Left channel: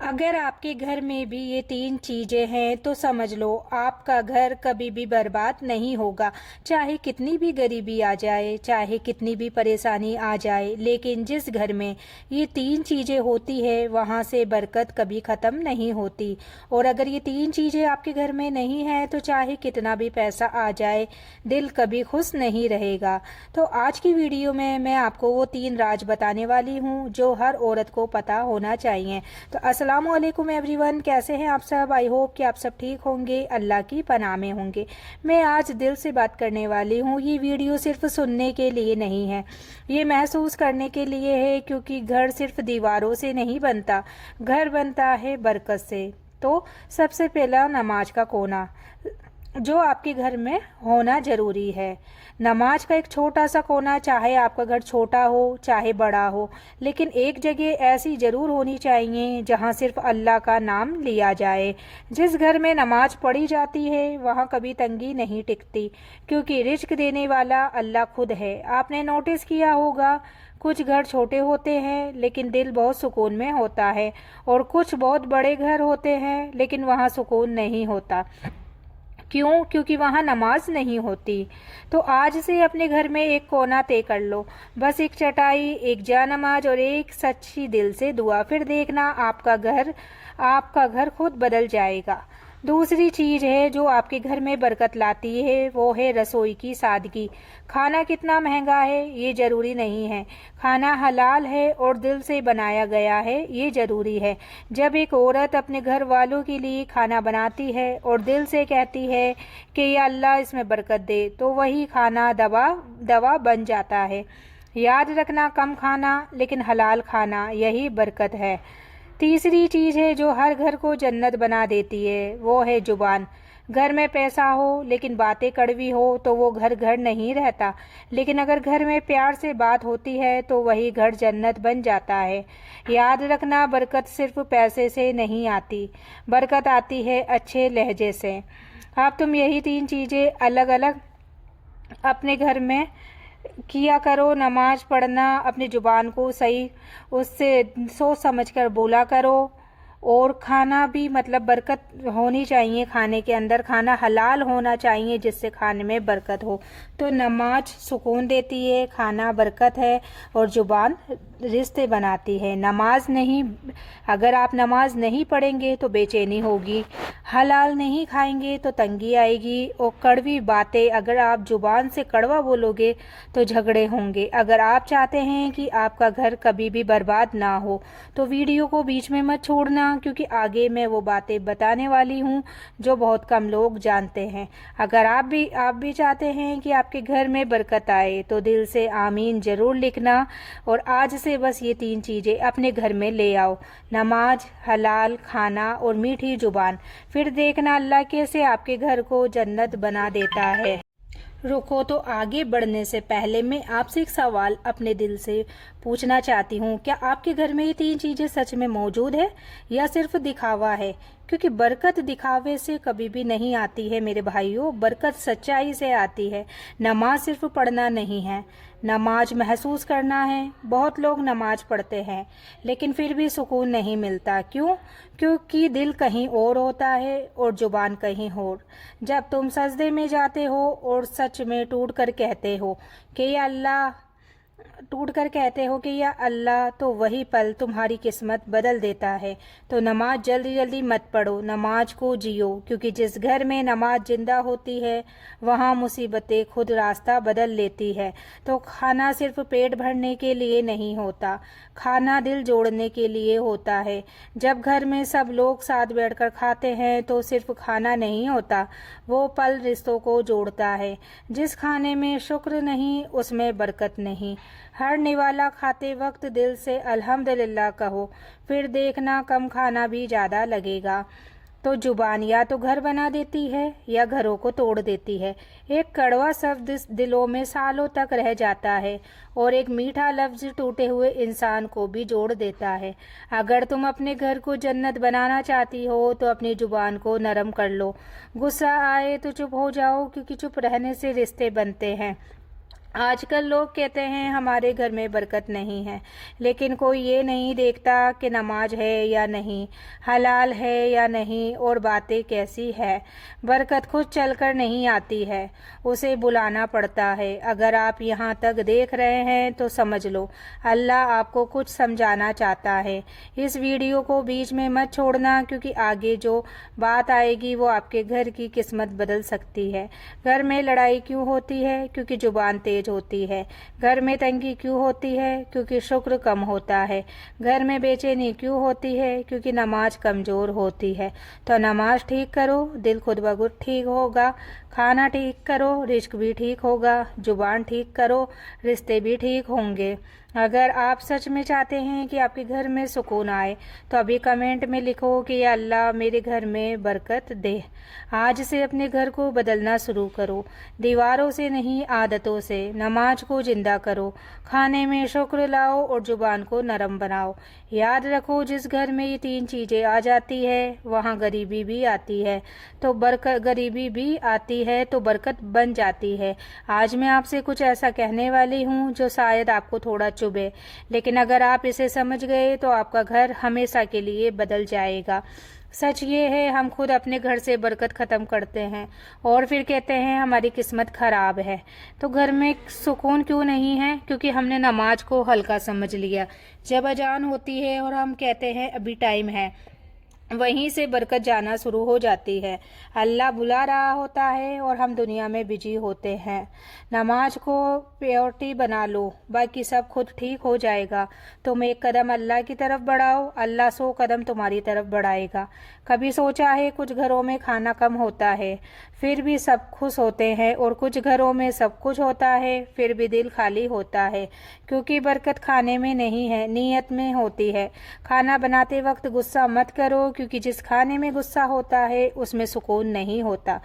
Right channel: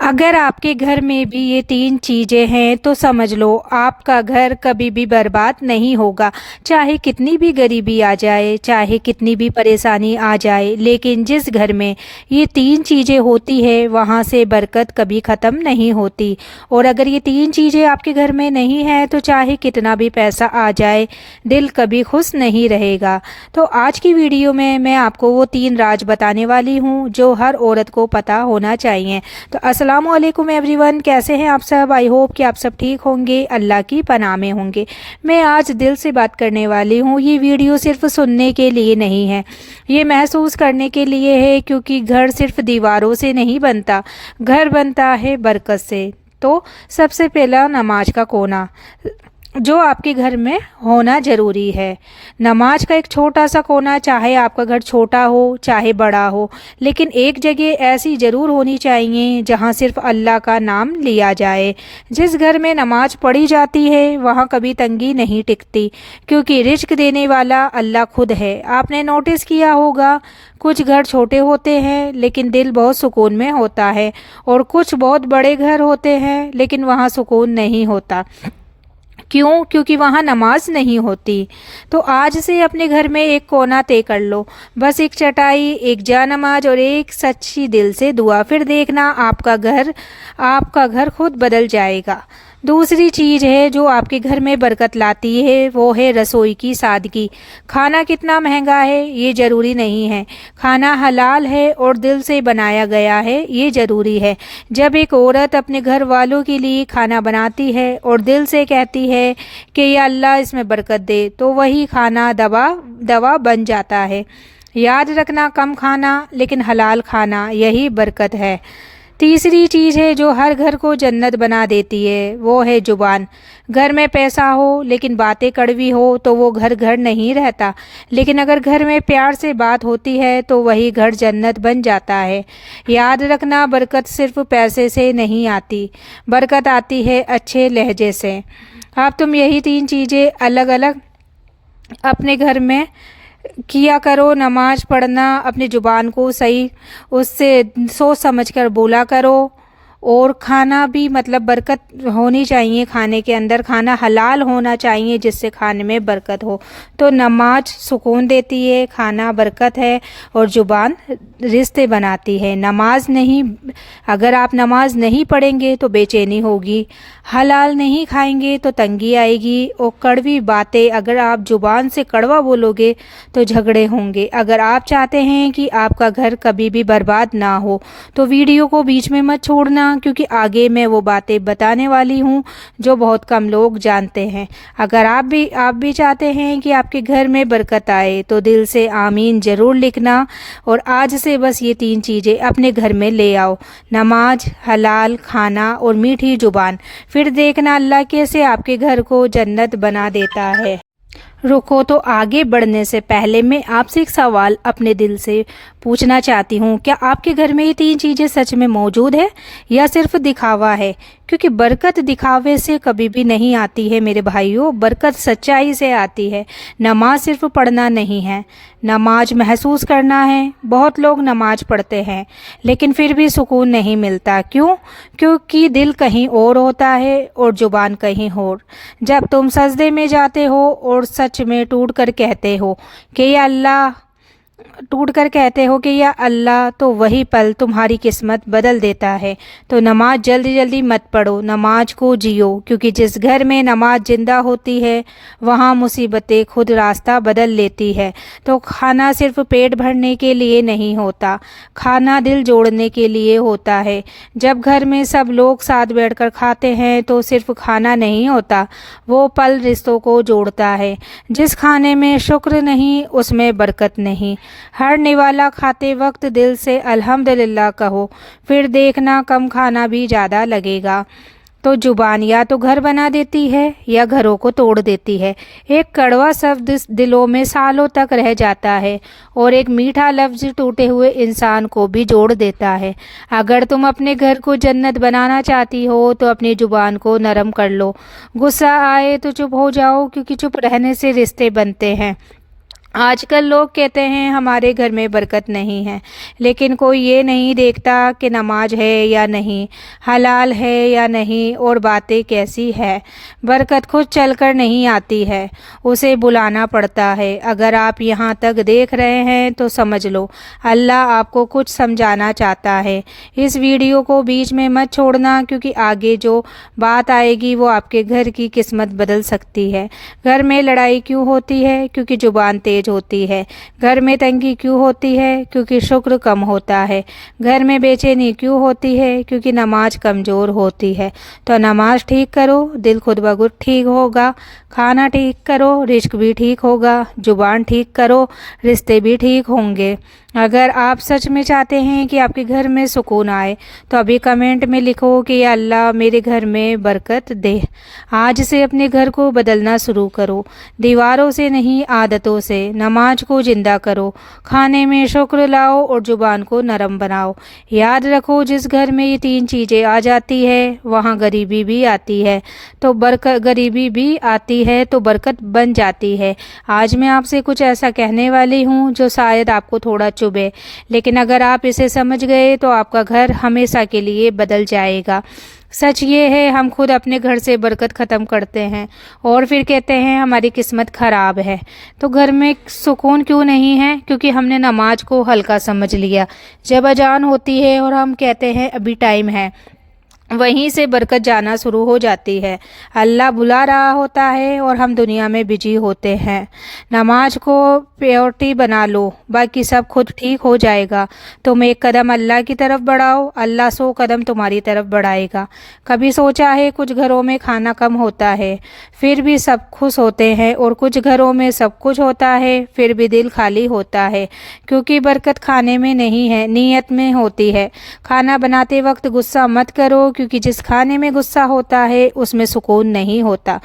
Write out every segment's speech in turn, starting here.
अगर आपके घर में भी ये तीन चीज़ें हैं तो समझ लो आपका घर कभी भी बर्बाद नहीं होगा। चाहे कितनी भी गरीबी आ जाए, चाहे कितनी भी परेशानी आ जाए, लेकिन जिस घर में ये तीन चीज़ें होती है वहाँ से बरकत कभी ख़त्म नहीं होती। और अगर ये तीन चीज़ें आपके घर में नहीं है तो चाहे कितना भी पैसा आ जाए, दिल कभी खुश नहीं रहेगा। तो आज की वीडियो में मैं आपको वो तीन राज बताने वाली हूँ जो हर औरत को पता होना चाहिए। तो अस्सलामुअलैकुम एवरीवन, कैसे हैं आप सब। आई होप कि आप सब ठीक होंगे, अल्लाह की पनाह में होंगे। मैं आज दिल से बात करने वाली हूँ। ये वीडियो सिर्फ सुनने के लिए नहीं है, ये महसूस करने के लिए है, क्योंकि घर सिर्फ दीवारों से नहीं बनता, घर बनता है बरकत से। तो सबसे पहला नमाज का कोना जो आपके घर में होना ज़रूरी है। नमाज का एक छोटा सा कोना, चाहे आपका घर छोटा हो चाहे बड़ा हो, लेकिन एक जगह ऐसी ज़रूर होनी चाहिए जहाँ सिर्फ अल्लाह का नाम लिया जाए। जिस घर में नमाज पढ़ी जाती है वहाँ कभी तंगी नहीं टिकती, क्योंकि रिज्क देने वाला अल्लाह खुद है। आपने नोटिस किया होगा, कुछ घर छोटे होते हैं लेकिन दिल बहुत सुकून में होता है, और कुछ बहुत बड़े घर होते हैं लेकिन वहाँ सुकून नहीं होता। क्यों? क्योंकि वहाँ नमाज नहीं होती। तो आज से अपने घर में एक कोना तय कर लो, बस एक चटाई, एक जा नमाज और एक सच्ची दिल से दुआ। फिर देखना आपका घर खुद बदल जाएगा। दूसरी चीज़ है जो आपके घर में बरकत लाती है, वो है रसोई की सादगी। खाना कितना महंगा है ये ज़रूरी नहीं है, खाना हलाल है और दिल से बनाया गया है ये ज़रूरी है। जब एक औरत अपने घर वालों के लिए खाना बनाती है और दिल से कहती है कि या अल्लाह इसमें बरकत दे, तो वही खाना दवा बन जाता है। याद रखना, कम खाना लेकिन हलाल खाना, यही बरकत है। तीसरी चीज़ है जो हर घर को जन्नत बना देती है, वो है जुबान। घर में पैसा हो लेकिन बातें कड़वी हो तो वो घर घर नहीं रहता, लेकिन अगर घर में प्यार से बात होती है तो वही घर जन्नत बन जाता है। याद रखना, बरकत सिर्फ पैसे से नहीं आती, बरकत आती है अच्छे लहजे से। अब तुम यही तीन चीज़ें अलग अलग अपने घर में किया करो। नमाज पढ़ना, अपनी ज़ुबान को सही उससे सोच समझ कर बोला करो, और खाना भी मतलब बरकत होनी चाहिए, खाने के अंदर खाना हलाल होना चाहिए जिससे खाने में बरकत हो। तो नमाज सुकून देती है, खाना बरकत है, और ज़ुबान रिश्ते बनाती है। अगर आप नमाज नहीं पढ़ेंगे तो बेचैनी होगी, हलाल नहीं खाएंगे तो तंगी आएगी, और कड़वी बातें अगर आप ज़ुबान से कड़वा बोलोगे तो झगड़े होंगे। अगर आप चाहते हैं कि आपका घर कभी भी बर्बाद ना हो तो वीडियो को बीच में मत छोड़ना, क्योंकि आगे मैं वो बातें बताने वाली हूँ जो बहुत कम लोग जानते हैं। अगर आप भी चाहते हैं कि आपके घर में बरकत आए तो दिल से आमीन ज़रूर लिखना, और आज से बस ये तीन चीज़ें अपने घर में ले आओ, नमाज, हलाल खाना और मीठी ज़ुबान। फिर देखना अल्लाह कैसे आपके घर को जन्नत बना देता है। रुको, तो आगे बढ़ने से पहले मैं आपसे एक सवाल अपने दिल से पूछना चाहती हूँ। क्या आपके घर में ये तीन चीज़ें सच में मौजूद है या सिर्फ दिखावा है? क्योंकि बरकत दिखावे से कभी भी नहीं आती है मेरे भाइयों, बरकत सच्चाई से आती है। नमाज सिर्फ पढ़ना नहीं है, नमाज महसूस करना है। बहुत लोग नमाज पढ़ते हैं लेकिन फिर भी सुकून नहीं मिलता। क्यों? क्योंकि दिल कहीं और होता है और जुबान कहीं और। जब तुम सजदे में जाते हो और सच में टूट कर कहते हो कि या अल्लाह, तो वही पल तुम्हारी किस्मत बदल देता है। तो नमाज जल्दी जल्दी मत पढ़ो, नमाज को जियो, क्योंकि जिस घर में नमाज जिंदा होती है वहाँ मुसीबतें खुद रास्ता बदल लेती है। तो खाना सिर्फ पेट भरने के लिए नहीं होता, खाना दिल जोड़ने के लिए होता है। जब घर में सब लोग साथ बैठकर खाते हैं तो सिर्फ खाना नहीं होता, वो पल रिश्तों को जोड़ता है। जिस खाने में शुक्र नहीं उसमें बरकत नहीं। हर निवाला खाते वक्त दिल से अल्हम्दुलिल्लाह कहो, फिर देखना कम खाना भी ज़्यादा लगेगा। तो जुबान या तो घर बना देती है या घरों को तोड़ देती है। एक कड़वा शब्द दिलों में सालों तक रह जाता है, और एक मीठा लफ्ज़ टूटे हुए इंसान को भी जोड़ देता है। अगर तुम अपने घर को जन्नत बनाना चाहती हो तो अपनी जुबान को नरम कर लो। गुस्सा आए तो चुप हो जाओ, क्योंकि चुप रहने से रिश्ते बनते हैं। آج کل لوگ کہتے ہیں ہمارے گھر میں برکت نہیں ہے، لیکن کوئی یہ نہیں دیکھتا کہ نماز ہے یا نہیں، حلال ہے یا نہیں، اور باتیں کیسی ہے۔ برکت خود چل کر نہیں آتی ہے، اسے بلانا پڑتا ہے۔ اگر آپ یہاں تک دیکھ رہے ہیں تو سمجھ لو اللہ آپ کو کچھ سمجھانا چاہتا ہے۔ اس ویڈیو کو بیچ میں مت چھوڑنا، کیونکہ آگے جو بات آئے گی وہ آپ کے گھر کی قسمت بدل سکتی ہے۔ گھر میں لڑائی کیوں ہوتی ہے؟ کیونکہ زبان تیز ہوتی ہے۔ گھر میں تنگی کیوں ہوتی ہے؟ کیونکہ شکر کم ہوتا ہے۔ گھر میں بے چینی کیوں ہوتی ہے؟ کیونکہ نماز کمزور ہوتی ہے۔ تو نماز ٹھیک کرو، دل خود بخود ٹھیک ہوگا۔ کھانا ٹھیک کرو، رزق بھی ٹھیک ہوگا۔ زبان ٹھیک کرو، رشتے بھی ٹھیک ہوں گے۔ اگر آپ سچ میں چاہتے ہیں کہ آپ کے گھر میں سکون آئے تو ابھی کمنٹ میں لکھو کہ یا اللہ میرے گھر میں برکت دے۔ آج سے اپنے گھر کو بدلنا شروع کرو، دیواروں سے نہیں عادتوں سے۔ نماز کو زندہ کرو، کھانے میں شکر لاؤ اور زبان کو نرم بناؤ۔ یاد رکھو جس گھر میں یہ تین چیزیں آ جاتی ہے وہاں غریبی بھی آتی ہے تو غریبی بھی آتی ہے تو برکت بن جاتی ہے۔ آج میں آپ سے کچھ ایسا کہنے والی ہوں جو شاید آپ کو تھوڑا چبھے، لیکن اگر آپ اسے سمجھ گئے تو آپ کا گھر ہمیشہ کے لیے بدل جائے گا۔ سچ یہ ہے ہم خود اپنے گھر سے برکت ختم کرتے ہیں اور پھر کہتے ہیں ہماری قسمت خراب ہے۔ تو گھر میں سکون کیوں نہیں ہے؟ کیونکہ ہم نے نماز کو ہلکا سمجھ لیا۔ جب اذان ہوتی ہے اور ہم کہتے ہیں ابھی ٹائم ہے، وہیں سے برکت جانا شروع ہو جاتی ہے۔ اللہ بلا رہا ہوتا ہے اور ہم دنیا میں بزی ہوتے ہیں۔ نماز کو پریورٹی بنا لو، باقی سب خود ٹھیک ہو جائے گا۔ تم ایک قدم اللہ کی طرف بڑھاؤ، اللہ 100 قدم تمہاری طرف بڑھائے گا۔ کبھی سوچا ہے کچھ گھروں میں کھانا کم ہوتا ہے پھر بھی سب خوش ہوتے ہیں، اور کچھ گھروں میں سب کچھ ہوتا ہے پھر بھی دل خالی ہوتا ہے؟ کیونکہ برکت کھانے میں نہیں ہے، نیت میں ہوتی ہے۔ کھانا بناتے وقت غصہ مت کرو، کیونکہ جس کھانے میں غصہ ہوتا ہے اس میں سکون نہیں ہوتا۔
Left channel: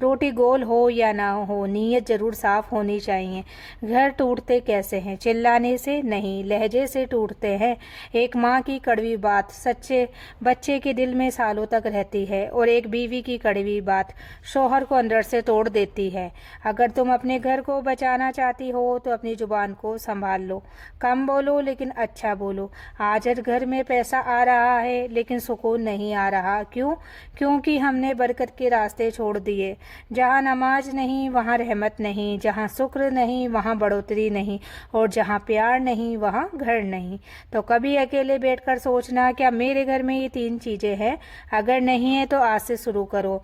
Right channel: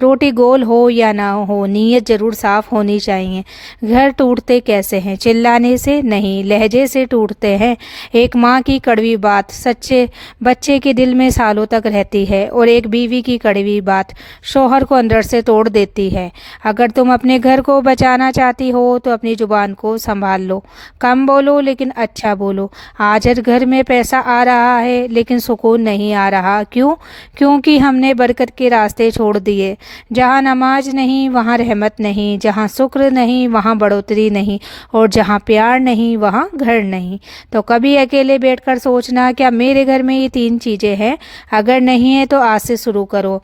روٹی گول ہو یا نہ ہو، نیت ضرور صاف ہونی چاہیے۔ گھر ٹوٹتے کیسے ہیں؟ چلانے سے نہیں، لہجے سے ٹوٹتے ہیں۔ ایک ماں کی کڑوی بات سچے بچے کے دل میں سالوں تک رہتی ہے، اور ایک بیوی کی کڑوی بات شوہر کو اندر سے توڑ دیتی ہے۔ اگر تم اپنے گھر کو بچانا چاہتی ہو تو اپنی زبان کو سنبھال لو، کم بولو لیکن اچھا بولو۔ آج ہر گھر میں پیسہ آ رہا ہے لیکن سکون نہیں آ رہا، کیوں؟ کیونکہ ہم نے برکت کے راستے چھوڑ دیے۔ جہاں نماز نہیں وہاں رحمت نہیں، جہاں شکر نہیں وہاں بڑھوتری نہیں، اور جہاں پیار نہیں وہاں گھر نہیں۔ تو کبھی اکیلے بیٹھ کر سوچنا کیا میرے گھر میں یہ تین چیزیں ہیں؟ اگر نہیں ہے تو آج سے شروع کرو۔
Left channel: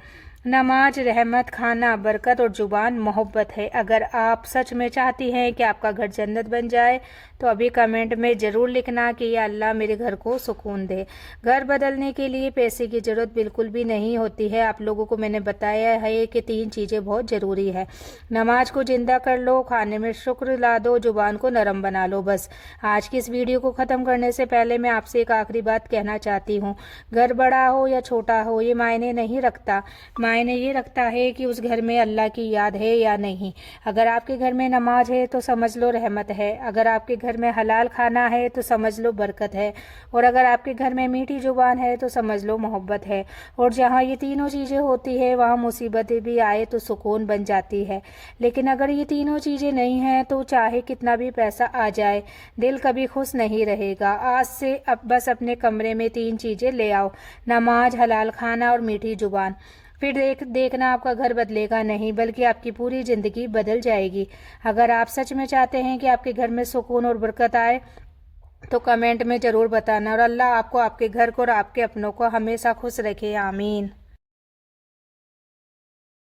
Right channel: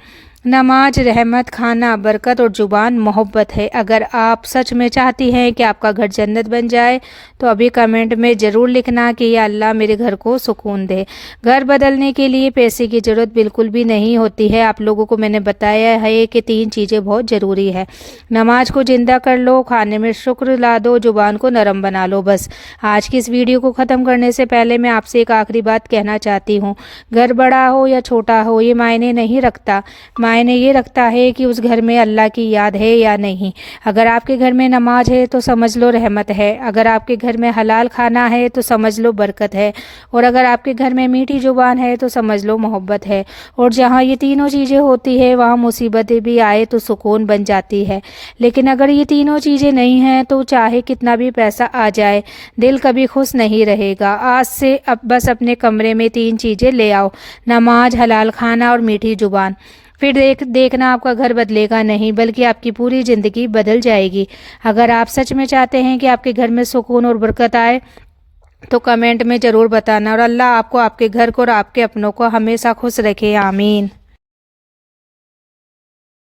نماز رحمت، کھانا برکت، اور زبان محبت ہے۔ اگر آپ سچ میں چاہتی ہیں کہ آپ کا گھر جنت بن جائے تو ابھی کمنٹ میں ضرور لکھنا کہ یا اللہ میرے گھر کو سکون دے۔ گھر بدلنے کے لیے پیسے کی ضرورت بالکل بھی نہیں ہوتی ہے۔ آپ لوگوں کو میں نے بتایا ہے کہ تین چیزیں بہت ضروری ہے۔ نماز کو زندہ کر لو، کھانے میں شکر لا دو، زبان کو نرم بنا لو۔ بس آج کی اس ویڈیو کو ختم کرنے سے پہلے میں آپ سے ایک آخری بات کہنا چاہتی ہوں۔ گھر بڑا ہو یا چھوٹا ہو یہ معنی نہیں رکھتا، معنی یہ رکھتا ہے کہ اس گھر میں اللہ کی یاد ہے یا نہیں۔ اگر آپ کے گھر میں نماز ہے تو سمجھ لو رحمت ہے، اگر آپ کے گھر میں حلال کھانا ہے تو سمجھ لو برکت ہے، اور اگر آپ کے گھر میں میٹھی زبان ہے تو سمجھ لو محبت ہے۔ اور جہاں یہ تینوں چیزیں ہوتی ہے وہاں مصیبتیں بھی آئے تو سکون بن جاتی ہے۔ لیکن اگر یہ تینوں چیزیں نہیں ہیں تو چاہے کتنا بھی پیسہ آ جائے دل کبھی خوش نہیں رہے گا۔ آج سے بس اپنے کمرے میں تین چیزیں لے آؤ، نماز، حلال کھانا اور میٹھی زبان۔ پھر دیکھنا آپ کا گھر بدلے گا نہیں بلکہ آپ کی پوری زندگی بدل جائے گی۔ اگر آپ سچ میں چاہتے ہیں کہ آپ کے گھر میں سکون اور برکت آئے تو کمنٹ میں ضرور بتانا، اور اللہ آپ کو، آپ کے گھر کو اور آپ کے اپنوں کو ہمیشہ خوش رکھے، آمین۔